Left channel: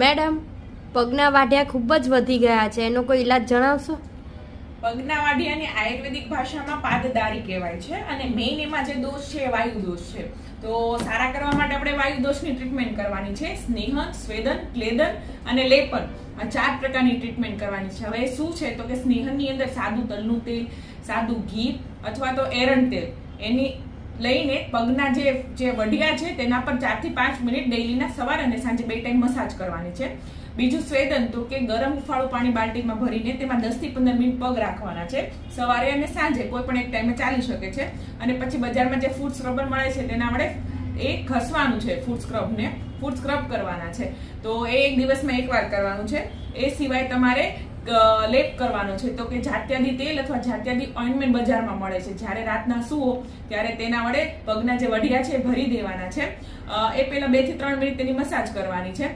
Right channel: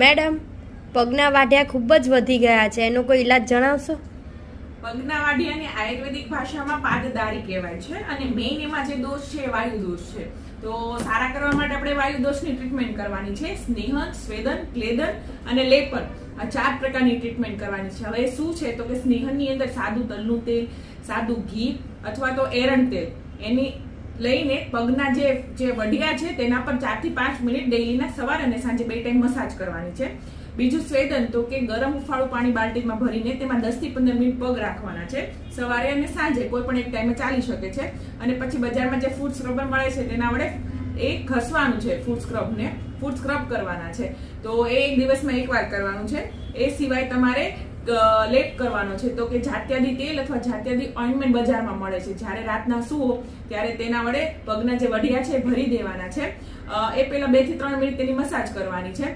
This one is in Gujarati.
મેડમ, પગના વાઢિયા ખૂબ જ વધી ગયા છે, એનો કોઈ ઈલાજ જણાવશો? પગના વાઢિયાને આયુર્વેદિક ભાષામાં પાદદારી કહેવાય છે અને મેઇન એમાં જે દોષ છે વાયુ દોષ છે. તો સારા કરવા માટે આપણે વાયુ દોષની ટ્રીટમેન્ટ કરવાની છે. સ્નેહન, સ્વેદન, ક્લેદન અને લેપન, આ 4 પ્રકારની ટ્રીટમેન્ટ કરવાની છે. હવે શું છે તો કે સ્નેહનની અંદર સાદું તલનું તેલ, સાદું ઘી અથવા તો એરંડ તેલ એની લઈને પગના જે વઢિયા છે તેના પર 4 થી 5 મિનિટ ડેઈલીના સવાર અને સાંજે 2 ટાઈમ મસાજ કરવાની છે. બીજું સ્વેદન, તો કે ગરમ હુંફાળું પાણી બાલ્ટીમાં ભરીને તેમાં 10 થી 15 મિનિટ પગ રાખવાના છે. સવારે અને સાંજે કોઈ પણ એક ટાઈમે ચાલી શકે છે. અને પછી બજારમાં જે ફૂટ સ્ક્રબર મળે છે તેના વડે એ ઘસવાનું છે. ફૂટ સ્ક્રબ કરવાના છે. તો એ એક દિવસમાં એકવાર કરવાનું છે. એ સિવાય તમારે લેપ કરવાનો છે. તો કે જાત્યાદી તેલ અથવા જાત્યાદી ઓઇન્ટમેન્ટ બજારમાં મળે છે. જ્યારે રાતના સૂવો ત્યારે તેના વડે પગના જે વઢિયા છે ભરી દેવાના છે. એ પહેલા 2 થી 3 મિનિટ તેની મસાજ કરવાની છે.